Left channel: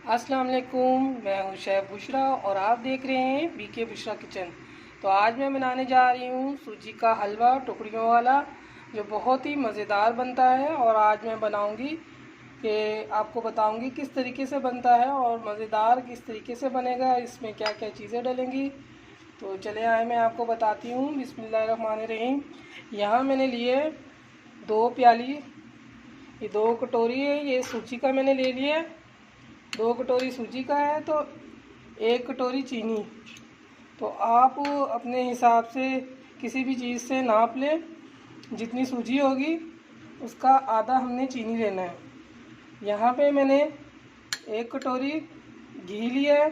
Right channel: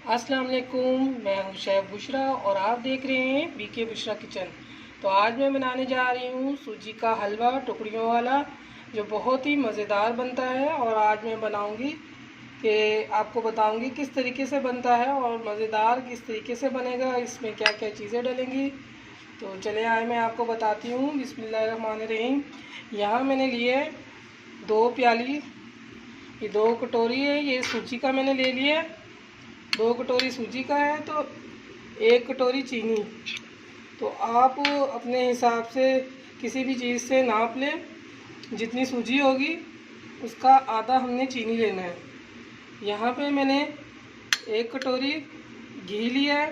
अस्सलाम वालेकुम, मैं हूं शेफ़ बुशरा और आप देख रहे हैं बीके बुशरा किचन। तो आज मैं बनाने जा रही हूं सूजी का हलवा टुकड़ियों वाला, जो बहुत ही मज़ेदार बनता है। और आज मैं बनाऊंगी कि आपको बताऊंगी किस तरीके से बनता है और मज़ेदार किस तरीके से बनेगा, इसमें क्या क्या चीज़ें डलेंगी। तो चले आए मैं आपको बताती हूँ। बिस्मिल्लाहिर्रहमानिर्रहीम। यहाँ मैंने लिए 2 प्याली, ये 2 कटोरी है, ये सूजी का मैंने ले लिया। 2 कटोरी सूजी का है तो 1 कटोरी चीनी। तो आप अपने हिसाब से किसी भी चीज़ से नाप लें, जितनी सूजी होगी उसका आधा हमने चीनी लेना है। यहाँ पे मैंने 1 कटोरी घी लिया है।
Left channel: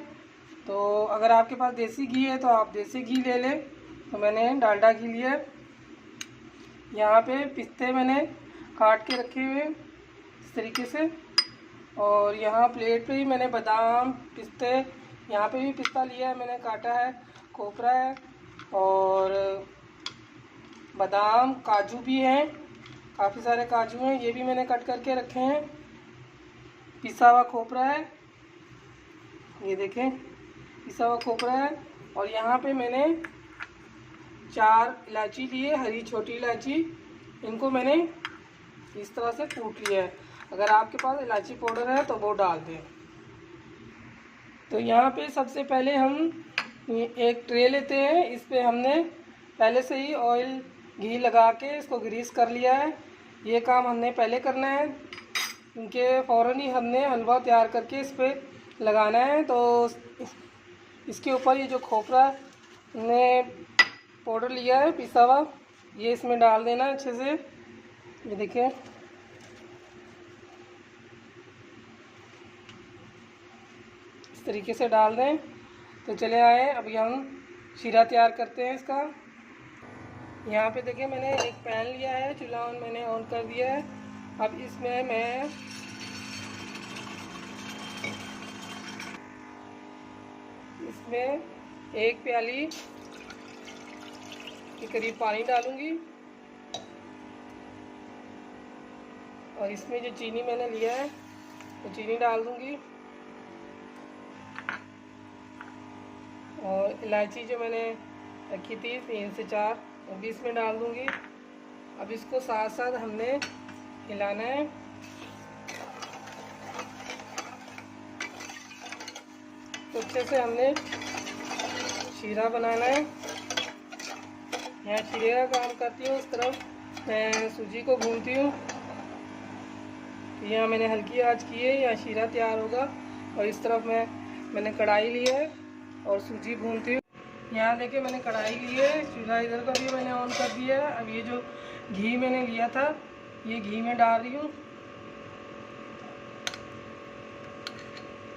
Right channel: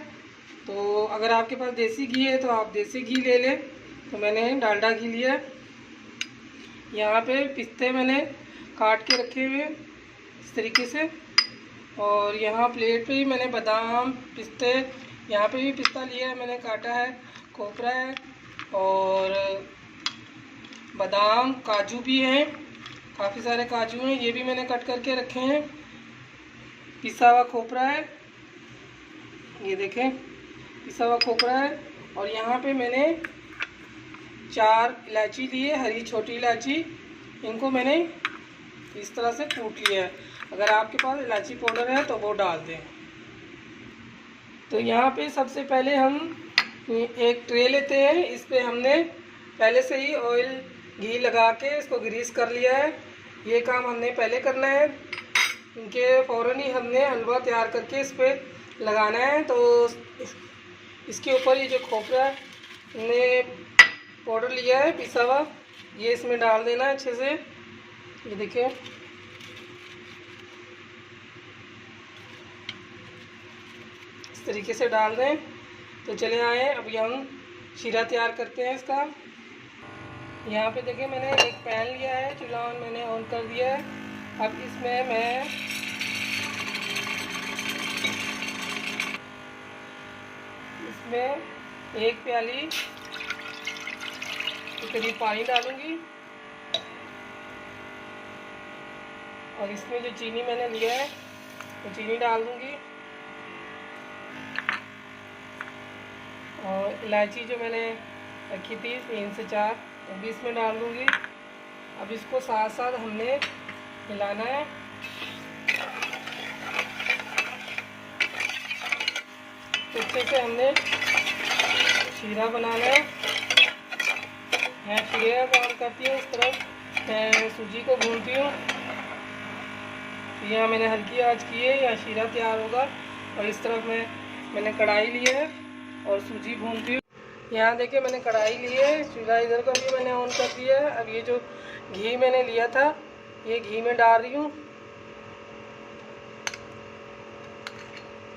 तो अगर आपके पास देसी घी है तो आप देसी घी ले लें, तो मैंने डालडा घी लिया है। यहाँ पे पिस्ते मैंने काट के रखे हुए हैं इस तरीके से। और यहाँ प्लेट पे ही मैंने बादाम पिस्ते, यहाँ पे भी पिस्ता लिया है, मैंने काटा है, खोपरा है और बादाम काजू भी हैं, काफ़ी सारे काजू हैं, ये भी मैंने कट करके रखे हैं। पिसा हुआ खोपरा है, ये देखें पिसा हुआ खोपरा है। और यहाँ पे मैंने 4 इलायची लिए, हरी छोटी इलायची, इनको मैंने इस तरह से कूट लिया है। अगर आपके पास इलायची पाउडर है तो वो डाल दें। तो यहाँ पे सबसे पहले हम एक ट्रे लेते हैं, इस पे हमने पहले से ही ऑयल घी लगा के इसको ग्रीस कर लिया है। ये काम हमने पहले करना है, इनके फ़ौरन ही हमने हलवा तैयार करके इस पर लगाना है। तो इसके ऊपर ये जो खोपरा ने पाउडर लिया है पिसा हुआ, ये इसमें डाल देना है अच्छे से। ये देखिए इस तरीके से डाल दें। तो चले आए, अभी हम शीरा तैयार करते हैं इसका। यहाँ पे देखिए मैंने एक पैन लिया है, चूल्हा मैंने ऑन कर दिया है। अब इसमें मैं इसमें 1 प्याली के करीब पानी डालूंगी। और इसमें जो चीनी मैंने लिया है तो चीनी डाल दूंगी। और इलायची जो मैंने रखी थी 3 से 4, वो भी इसमें डाल दूंगी। अब इसको साथ साथ हमने हिलाना है। तो अच्छे से हमने शीरा बनाना है। मैं शीरे का काम करती हूँ, इस तरफ मैं सूजी को भूनती हूँ। तो यहाँ मैंने हल्की आंच की है, यहाँ शीरा तैयार होगा। और इस तरफ मैंने कढ़ाई ली है और सूजी भूनती हूँ। यहाँ देखिए मैंने कढ़ाई ली है, चूल्हा इधर का भी मैंने ऑन कर दिया है। अब ये जो घी मैंने लिया था ये घी में डाल रही हूँ।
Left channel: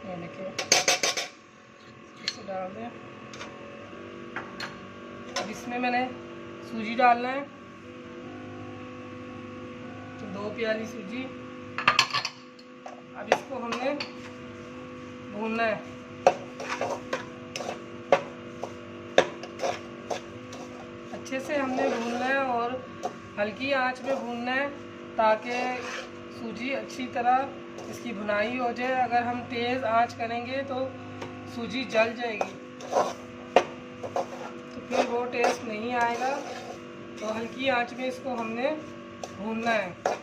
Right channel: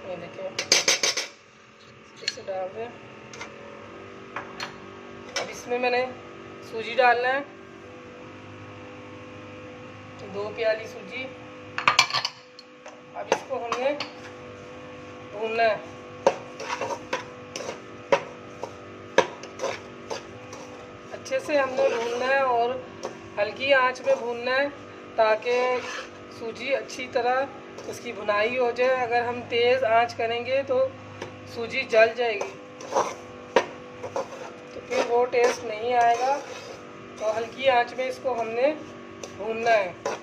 ये देखिए इसे डाल दें। अब इसमें मैंने सूजी डालना है, 2 प्याली सूजी। अब इसको हमने भूनना है। अच्छे से हमने भूनना है और हल्की आंच में भूनना है, ताकि सूजी अच्छी तरह इसकी भुनाई हो जाए। अगर हम तेज़ आंच करेंगे तो सूजी जल जाएगी, तो फिर वो टेस्ट नहीं आएगा। तो हल्की आंच में इसको हमने भूनना है।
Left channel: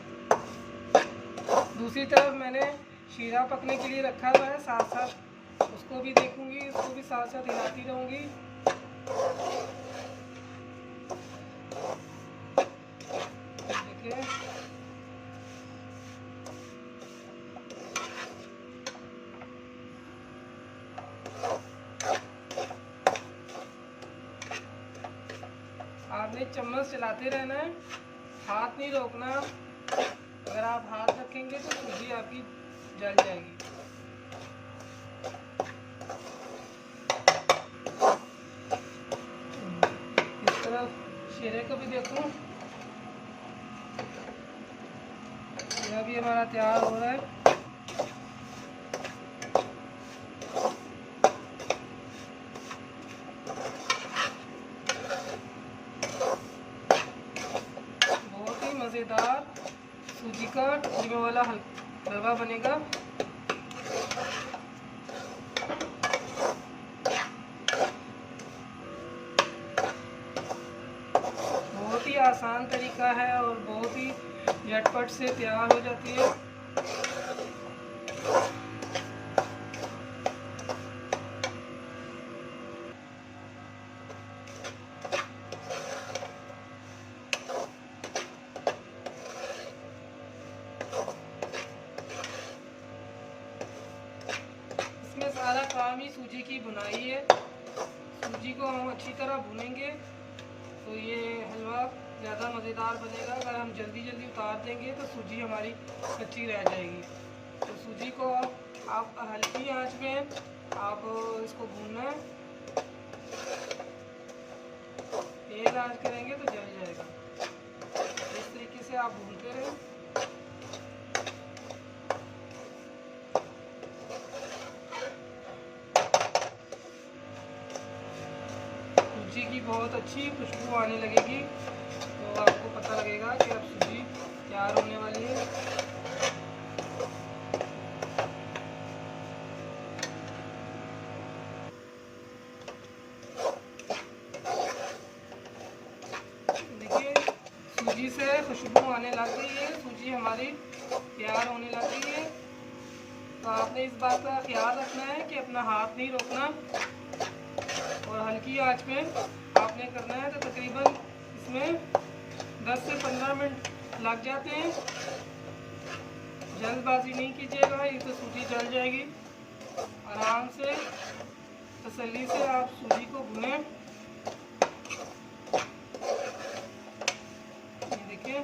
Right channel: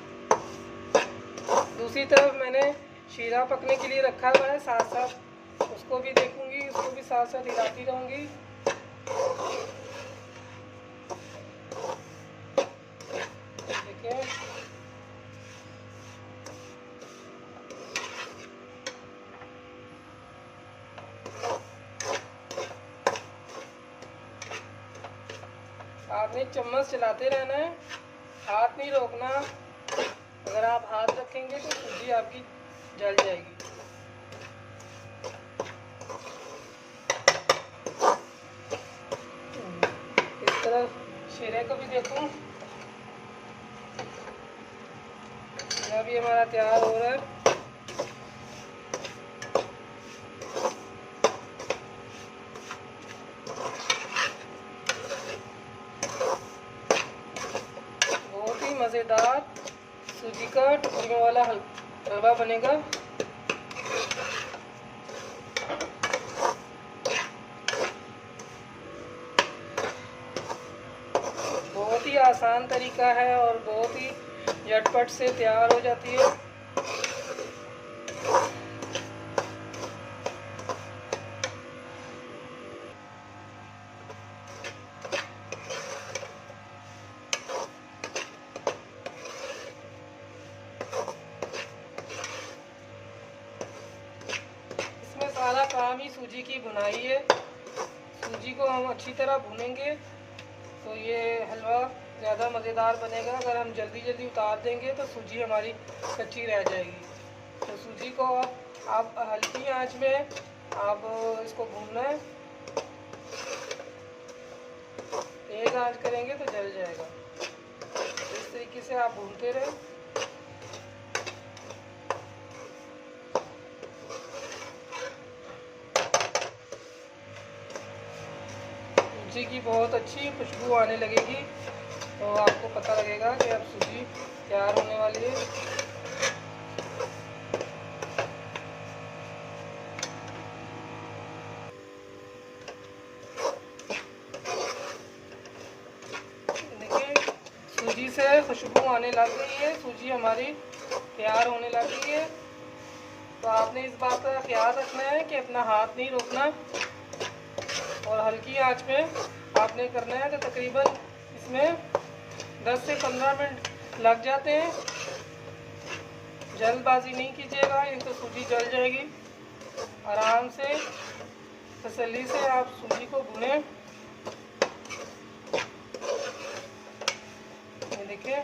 दूसरी तरफ मैंने शीरा पकने के लिए रखा हुआ है, साथ साथ उसको भी देखूंगी, उसको भी साथ साथ हिलाती रहूंगी। देखिए आपने चम्मच चलाते रहना है, हाथ नहीं रोकना। अगर आप हाथ रखेंगे तो सूजी आपकी जल जाएगी। इस तरफ शीरे को भी देखूं, यह भी हमारा तैयार हो रहा है। बहुत ही मज़ेदार सूजी का टुकड़ियों वाला हलवा बनेगा। आसान तरीका है और बहुत ही झटपट से तैयार हो जाती है। इसमें सारा काम ही सूजी की बुनाई है। सूजी को हम अच्छी तरह भूनेंगे तो ये हलवा ज़्यादा मज़ेदार बनेगा। अगर हम जल्दी जल्दी उतार देंगे तो सूजी हमारी कच्ची रह जाएगी। तो सूजी को आप हल्की आंच में आप इसको भूनना है। तेज आंच करेंगे तो जल जाएगा। इस तरीके से आप भूनते रहें। सूजी की बहुत अच्छी खुशबू आने लगेगी तो आपको पता लगेगा कि अब सूजी तैयार होने वाली है। देखिए सूजी से खुशबू आने लग गई है, सूजी हमारी तैयार होने लग गई है। तो आपने इस बात का ख्याल रखना है कि अपना हाथ नहीं रोकना और हल्की आंच में आपने करना है। तो तकरीबन इसमें 10 से 15 मिनट लग जाते हैं। जल्दबाजी नहीं कीजिएगा, ये तो सूजी जल जाएगी। आराम से तसल्ली से आप सूजी को भुनें। ये देखिए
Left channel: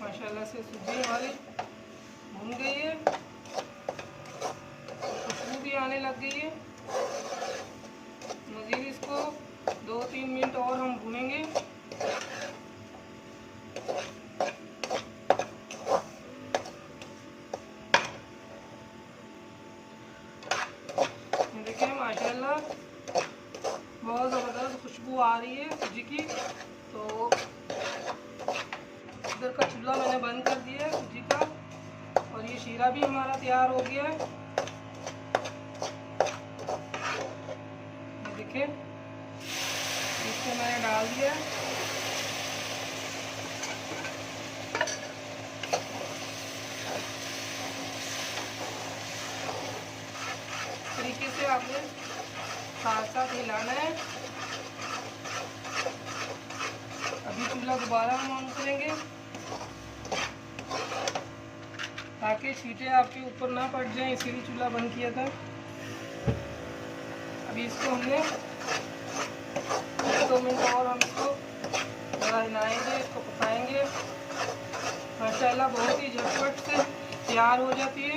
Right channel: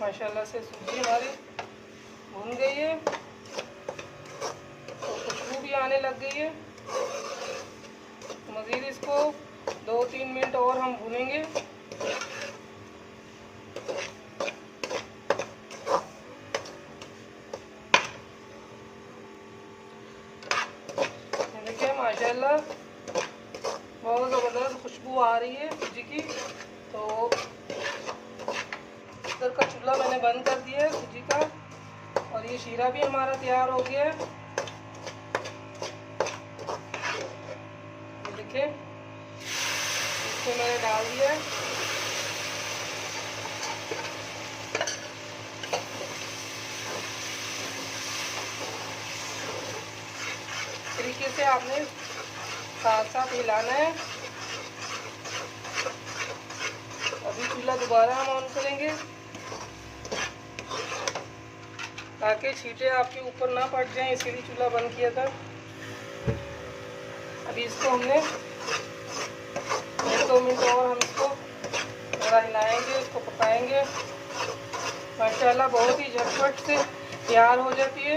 माशाल्लाह से सूजी हमारी भुन गई है, खुशबू भी आने लग गई है। मज़ीद इसको 2-3 मिनट और हम भूनेंगे। देखिए माशाल्लाह बहुत ज़बरदस्त खुशबू आ रही है सूजी की। तो इधर का चूल्हा मैंने बंद कर दिया है सूजी का और ये शीरा भी हमारा तैयार हो गया है। देखिए इसको मैंने डाल दिया है। तरीके से आपने साथ साथ हिलाना है। अभी चूल्हा दोबारा हम ऑन करेंगे ताकि छींटे आपके ऊपर ना पड़ जाएं, इसीलिए चूल्हा बंद किया था। अभी इसको हमने 2 मिनट और हम इसको थोड़ा हिलाएंगे, इसको पकाएंगे। माशाल्लाह बहुत ही झटपट से तैयार हो जाती है।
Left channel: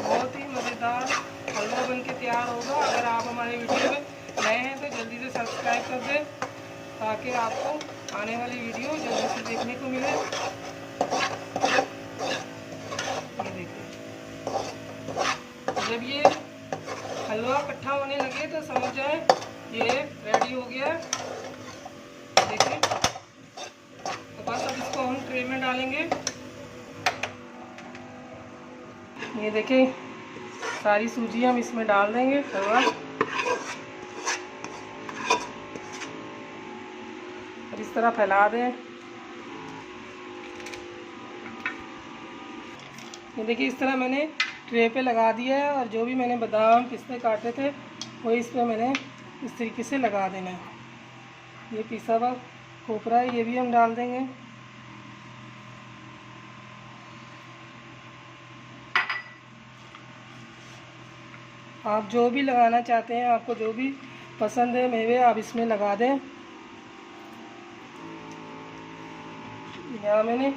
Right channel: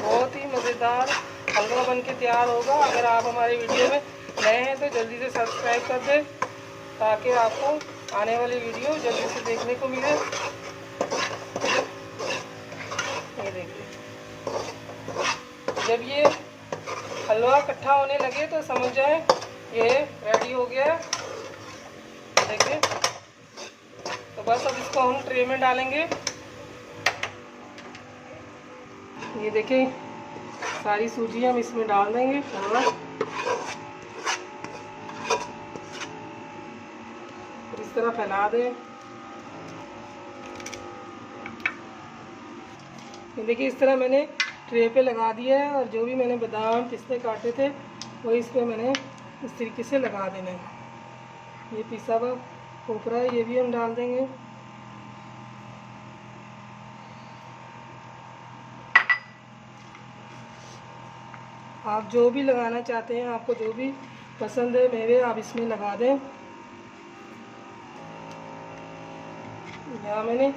बहुत ही मज़ेदार हलवा बन के तैयार होगा। अगर आप हमारे वीडियो में नए हैं तो जल्दी से सब्सक्राइब कर दें ताकि आपको आने वाली वीडियो जल्दी से देखने को मिले। जब ये हलवा इकट्ठा होने लगे तो समझ जाए ये रेडी हो गया है। देखिए तो बस अब इसको हम ट्रे में डालेंगे। ये देखिए सारी सूजी हम इसमें डाल देंगे हलवा और इस तरह फैला दें। ये देखिए इस तरह मैंने ट्रे पे लगा दिया है और जो भी मैंने बादाम पिस्ते काटे थे वो इस पर मैंने इस तरीके से लगा देना है। ये पिसा हुआ खोपरा है, ये भी हम डाल देंगे। आप जो भी लगाना चाहते हैं, आपको जो भी पसंद है मेवे आप इसमें लगा दें। यहाँ मैंने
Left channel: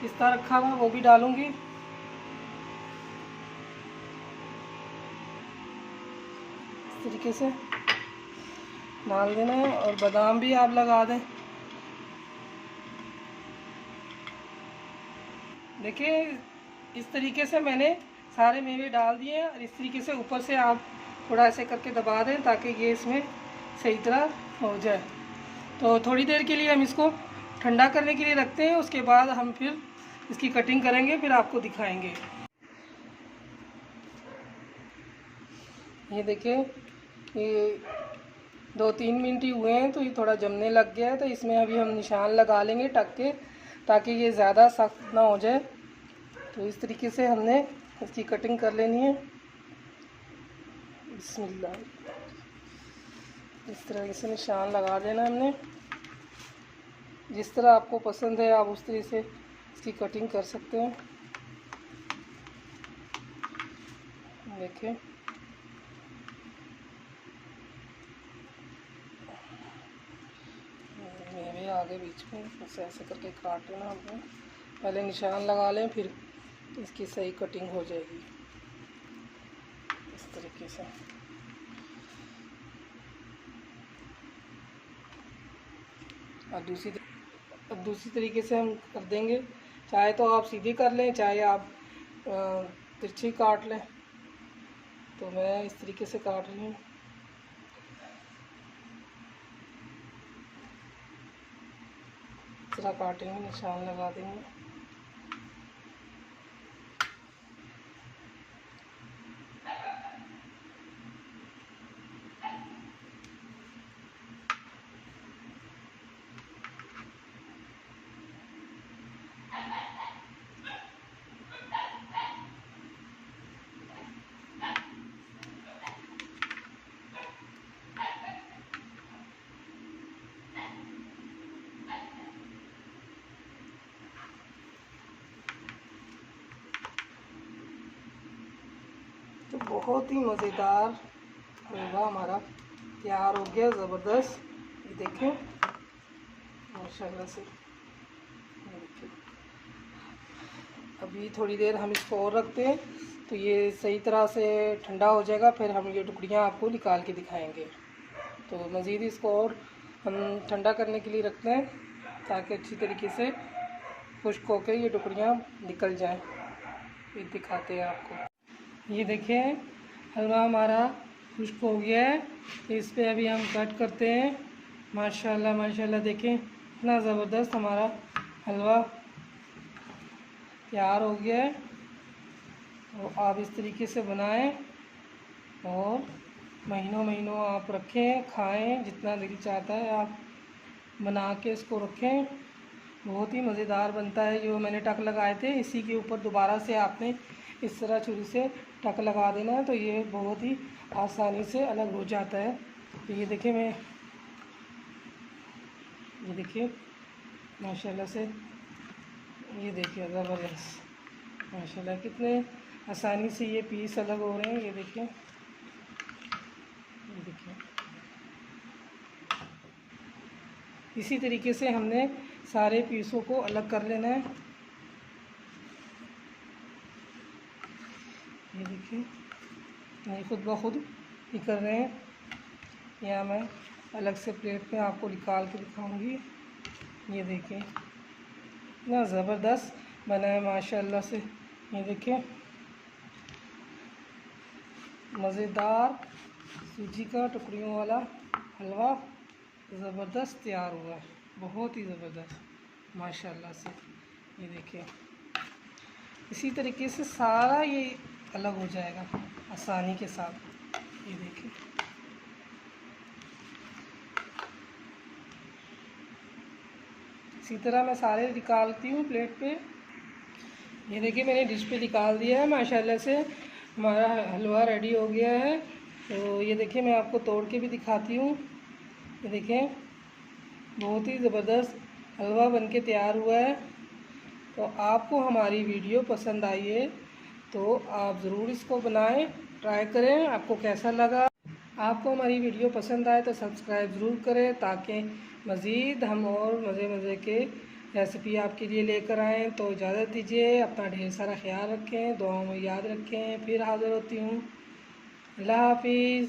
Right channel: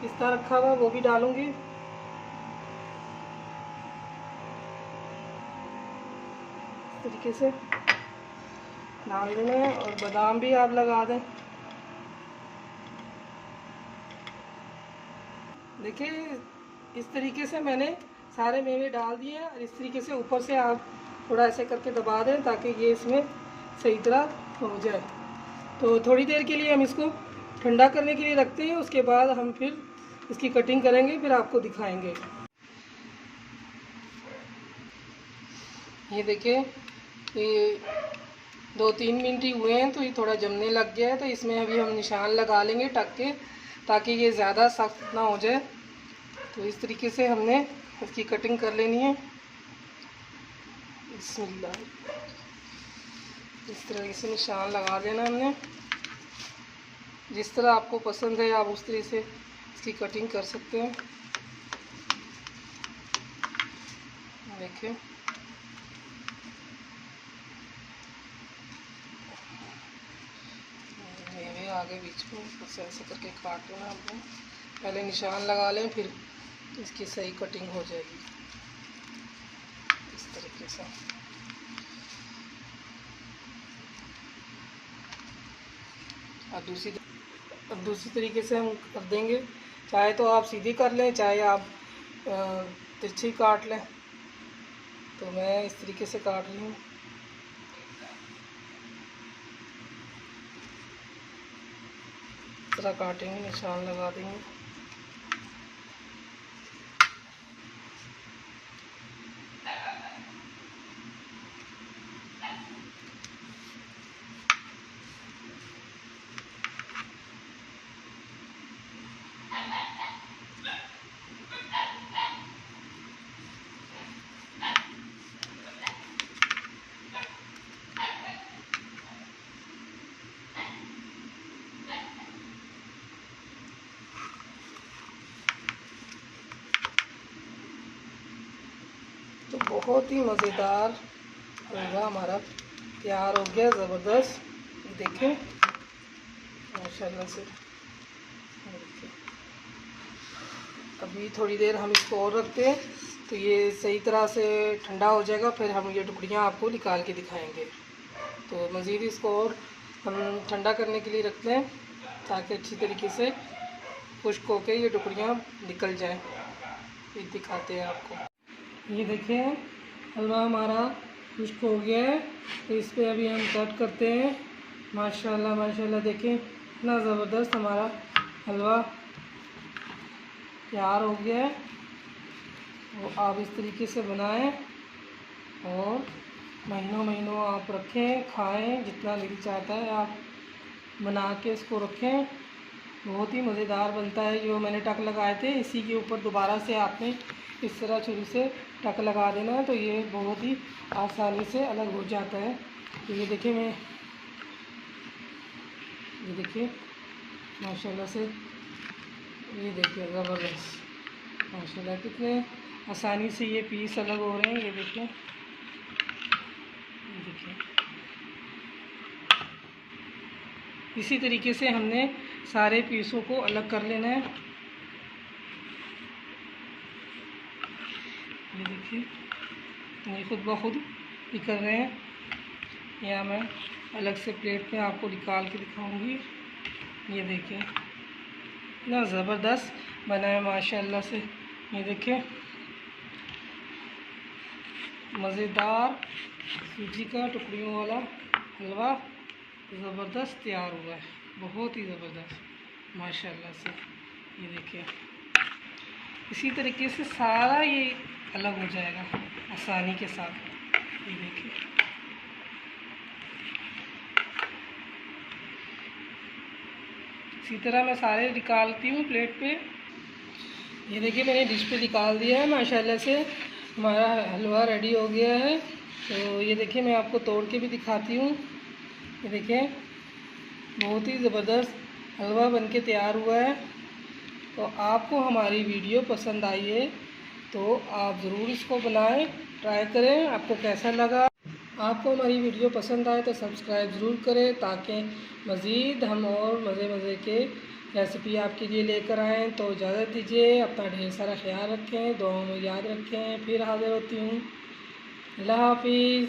पिस्ता रखा हुआ वो भी डालूंगी। इस तरीके से डाल देना है और बादाम भी आप लगा दें। देखिए इस तरीके से मैंने सारे मेवे डाल दिए और इस तरीके से ऊपर से आप थोड़ा ऐसे करके दबा दें ताकि ये इसमें सही तरह हो जाए। तो थोड़ी देर के लिए हम इसको ठंडा करने के लिए रखते हैं, उसके बाद हम फिर इसकी कटिंग करेंगे, फिर आपको दिखाएंगे। ये देखिए ये 2-3 मिनट ही हुए हैं तो ये थोड़ा जमने लग गया है। तो इसमें अभी हम निशान लगा लेंगे टक के, ताकि ये ज़्यादा सख्त ना हो जाए। तो इस तरीके से हमने इसकी कटिंग कर लेनी है। बिस्मिल्लाह, इस तरह से निशान लगा देना हमने। जिस तरह आपको पसंद है आप उस तरह से इसकी कटिंग कर सकते हैं। देखिए, ये भी आगे बीच में बस ऐसे करके काट लेना हमने। पहले निशान लगा लें, फिर इसकी सही कटिंग हो जाएगी इस तरीके से। अब दूसरी तरीके से हम कर देंगे। चाहे तो आप सीधी कर लें, चाहे आप तिरछी काट लें। तो मैं इस तरीके से काट रही हूँ। इस तरह काटेंगे, निशान लगा देंगे। तो बहुत ही मज़ेदार हलवा हमारा तैयार हो गया, ज़बरदस्त। ये देखें माशाल्लाह से। देखिए, अभी थोड़ी देर हम इसको और रखते हैं तो ये सही तरह से ठंडा हो जाएगा। फिर हम ये टुकड़ियाँ आपको निकाल के दिखाएंगे। तो मज़ीद इसको और हम ठंडा करने के लिए रखते हैं, ताकि अच्छी तरीके से खुश्क होकर ये टुकड़ियाँ निकल जाएं। ये दिखाते हैं आपको। ये देखें, हलवा हमारा खुश्क हो गया है। इस पे अभी हम कट करते हैं। माशाल्लाह माशाल्लाह, देखें इतना ज़बरदस्त हमारा हलवा तैयार हो गया है। तो आप इस तरीके से बनाएं और महीनों महीनों आप रखें, खाएं। जितना दिल चाहता है आप बना के इसको रखें। बहुत ही मज़ेदार बनता है। जो मैंने टक लगाए थे, इसी के ऊपर दोबारा से आपने इस तरह छुरी से टक लगा देना है। तो ये बहुत ही आसानी से अलग हो जाता है। तो ये देखिए, ये देखिए माशाल्लाह से, ये देखिए ज़बरदस्त माशाल्लाह, कितने आसानी से ये पीस अलग हो रहे हैं। ये देखिए, देखिए इसी तरीके से हमने सारे पीसों को अलग कर लेना है। ये देखिए, ये खुद ब खुद ही कर रहे हैं। या मैं अलग से प्लेट में आपको निकाल के दिखाऊंगी। ये देखिए, इतना ज़बरदस्त बना है माशाल्लाह से। ये देखिए, मज़ेदार सूजी का टुकड़ियों वाला हलवा ज़बरदस्त तैयार हुआ है। बहुत ही ज़बरदस्त माशाल्लाह से। ये देखिए, इसी तरीके से सारा ये अलग हो जाएगा आसानी के साथ। ये देखिए, इसी तरह मैं सारे निकालती हूँ प्लेट पे। ये देखिए, मैंने डिश पे निकाल दिया है। माशाल्लाह से हमारा हलवा रेडी हो गया है। तो ये देखिए, मैं आपको तोड़ के भी दिखाती हूँ। ये देखिए, बहुत ही ज़बरदस्त हलवा बनके तैयार हुआ है। तो आपको हमारी वीडियो पसंद आई है तो आप ज़रूर इसको बनाएं, ट्राई करें। आपको कैसा लगा? आपको हमारी वीडियो पसंद आए तो सब्सक्राइब ज़रूर करें, ताकि मज़ीद हम और मज़े के रेसिपी आपके लिए लेकर आएँ। तो इजाज़त दीजिए, अपना ढेर सारा ख्याल रखें, दुआओं में याद रखें। फिर हाज़िर होती हूँ। अल्लाह हाफिज़।